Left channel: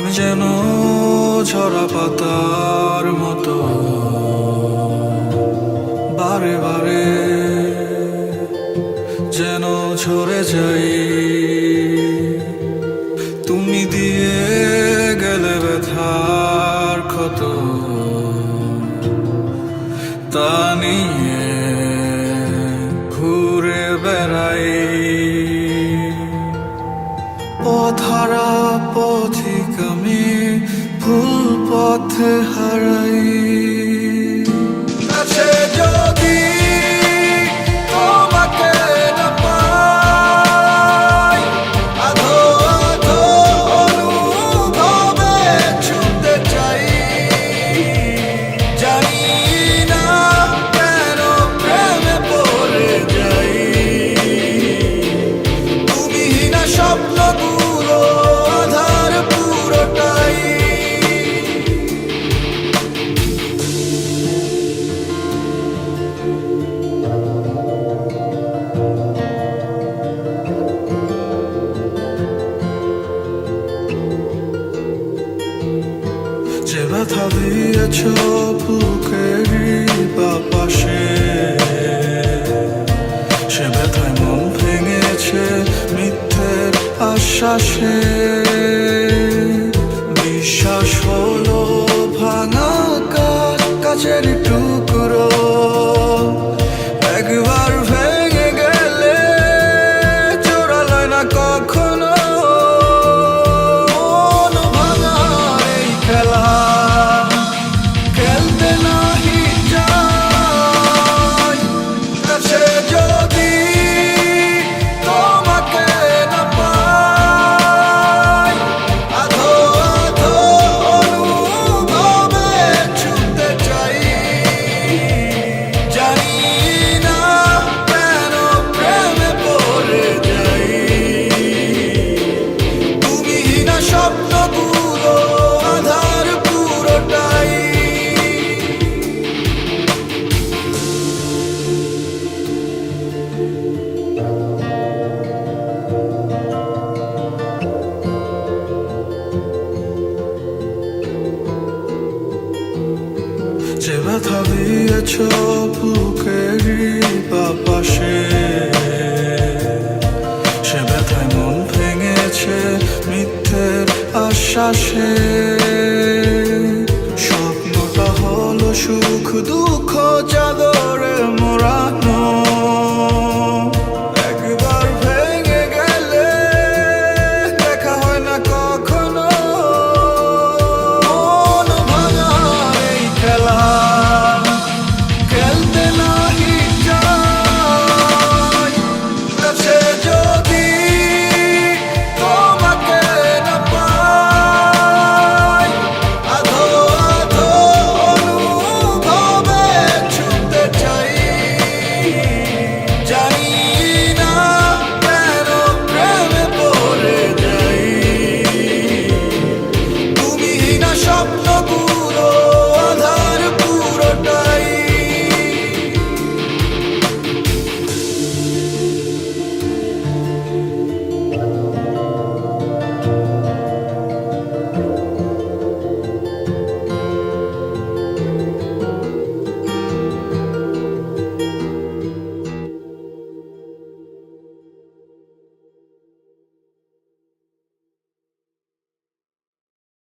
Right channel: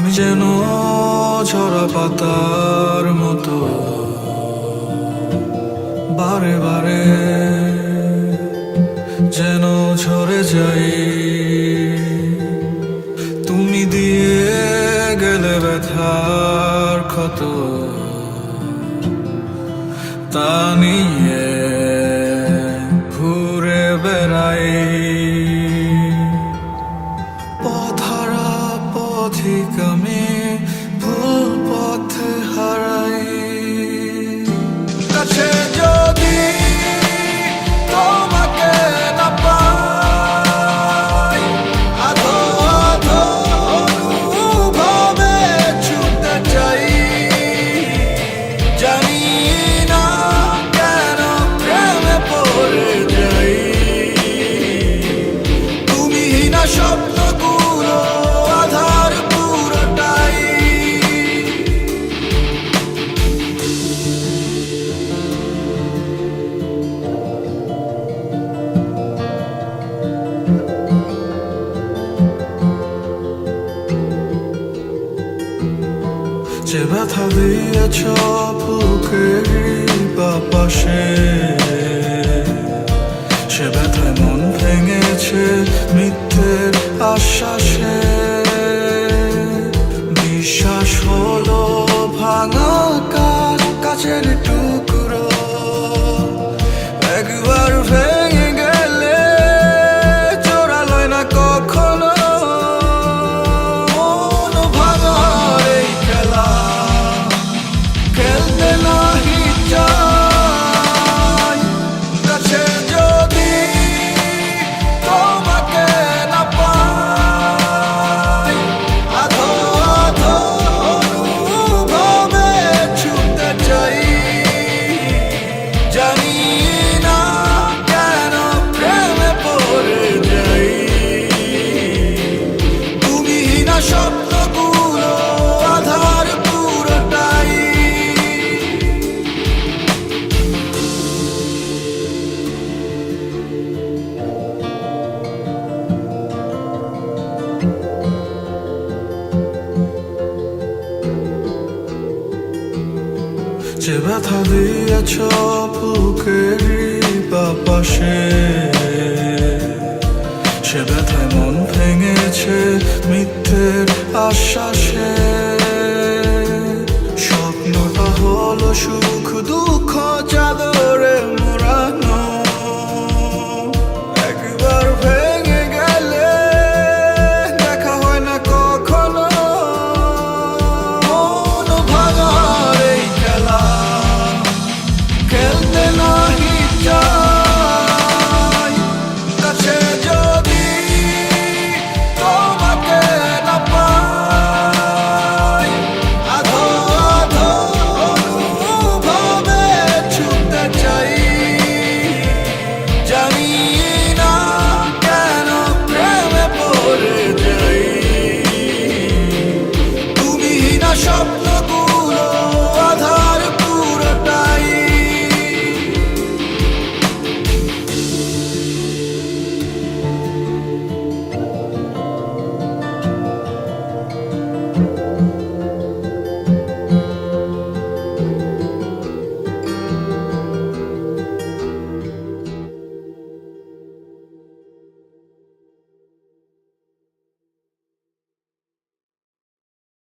আমি যেন ঝরা পাতার মতো বারে বারে যেন ঝরে যাই। তুমি দিয়ে গেলে ব্যথার ক্ষত, তা নিয়ে ঘুরে বেড়াই। পথহারা পথিক আমি, ভুল পথে হারাই। কাছে যদি তোমাকে না পাই, আধো আধো অনুভবে ছুটতে চাই। জানি না কেন প্রেমে পড়ে যাই। তুমিহীনা স্বপ্নগুলো আধার পুরোটাই। যে ব্যথা দিয়েছ বুকেরই বাপাশে, সে ব্যথায় মন ভেঙেছে মিথ্যের আশ্বাসে। বিশ্বাস হলো ভাঙা কাচ, কাচের টুকরো। একবার ভেঙে গেলে জোড়া লয় না কখনো। মন ভাঙার এই খেলা খেলতে নাহি চাই। কাছে যদি তোমাকে না পাই, আধো আধো অনুভবে ছুটতে চাই। জানি না কেন প্রেমে পড়ে যাই। তুমিহীনা স্বপ্নগুলো আধার পুরোটাই। যে ব্যথা দিয়েছ বুকেরই বাপাশে, সে ব্যথায় মন ভেঙেছে মিথ্যের আশ্বাসে। স্বপ্নটা হলো সুখ দুঃখ চাদরে মোড়ানো। একবার ভেঙে গেলে দেখা হয় না কখনো। মন ভাঙার এই খেলা খেলতে নাহি চাই। কাছে যদি তোমাকে না পাই, আধো আধো অনুভবে ছুটতে চাই। জানি না কেন প্রেমে পড়ে যাই। তুমিহীনা স্বপ্নগুলো